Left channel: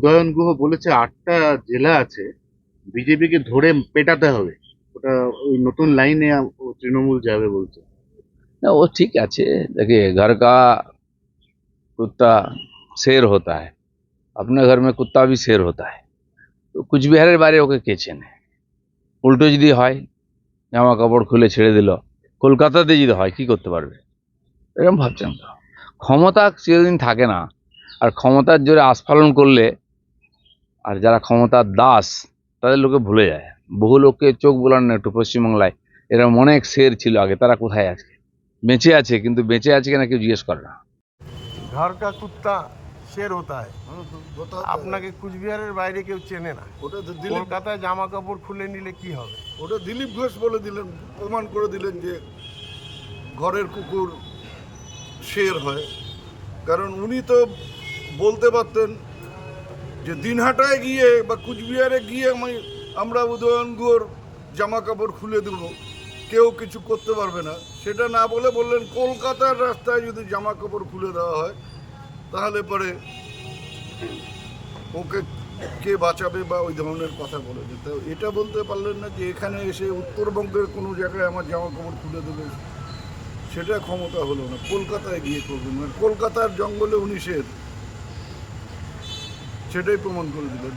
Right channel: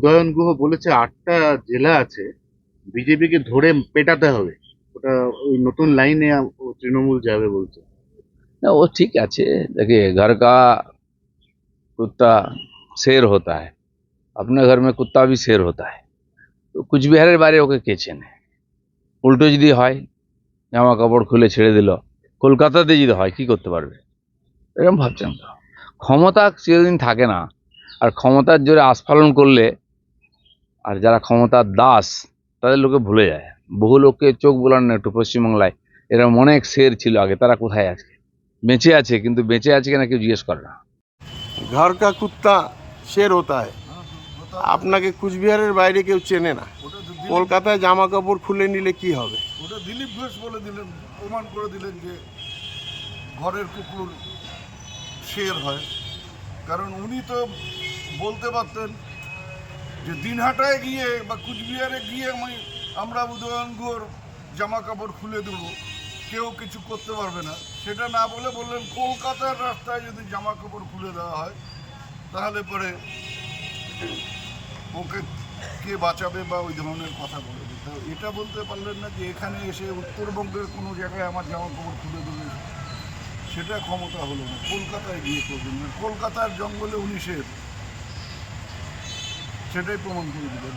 উদয়ন গুহ বলেছে আটটা জেলা আছে বিজেপিকে ধরে পেটাতে হবে ওটা ওই নতুন লাইনে ও তৃণমূল যাবে বলছে ना वो ठीक আছে देखिए घर का कुत्ता शेर होता है अपने घर में कुत्ता भी शेर होता है তো কুচবিহারের বাইরে ওকে কে চেনে উল্টো যদি হয় জামা কাপড় খুলে ছেড়ে দিল কলকাতাতে যদি হয় কি করতে পারবে এরকম ভাবছেন তো ক্ষমতা চিরদিন থাকে না আর ক্ষমতার জোরে আস্ফালন করলে আর যারা ক্ষমতার দাস তাদের লোকে ভুলে যায়। বহু লোককে চোখ বোলান না একটু পশ্চিমবাংলায়। এরকম অনেক শের ছিল আগে তারা কোথায় আছে? বেঁচে আছে কিন্তু বেঁচে আছে কিনা কেউ জিজ্ঞেস করে না। ঘর কা কুত্তা শের হতা তাই আপনাকে কুচবিহারের বাইরে কেউ চেনে না। কলকাতায় জামা কাপড় খুলে নিলে কি হবে? ওটা দিলীপ ঘোষ বলে দিলেন প্রমাণ করে দিলেন যে ঘরের কুকুর শের হয়। কারণ উনি তো বলতে পারতেন যে দিনহাটায় গিয়ে বা কুচবিহারে গিয়ে আমি আমরা উদয়ন জামা কাপড় খুলে দেবো। কেউ কিছু করতে পারবে না। সেটা না বলে বললেন, কলকাতার রাস্তায় যদি জামা কাপড় খুলে দেওয়া হয়, তাহলে পরে ওকে কে বাঁচাবে বা ওই ধরনের কথা বলে দিতে এটা বলতে পারলেন না যে এখানে এসে উত্তরবঙ্গের কোনো জায়গায় আমার জামা কাপড় খুলে দেবে। সেটা ক্ষমতা হলো না। কলকাতায় গিয়ে করবেন। কলকাতার জঙ্গলে উনি শের সেটাই প্রমাণ করে দিলেন।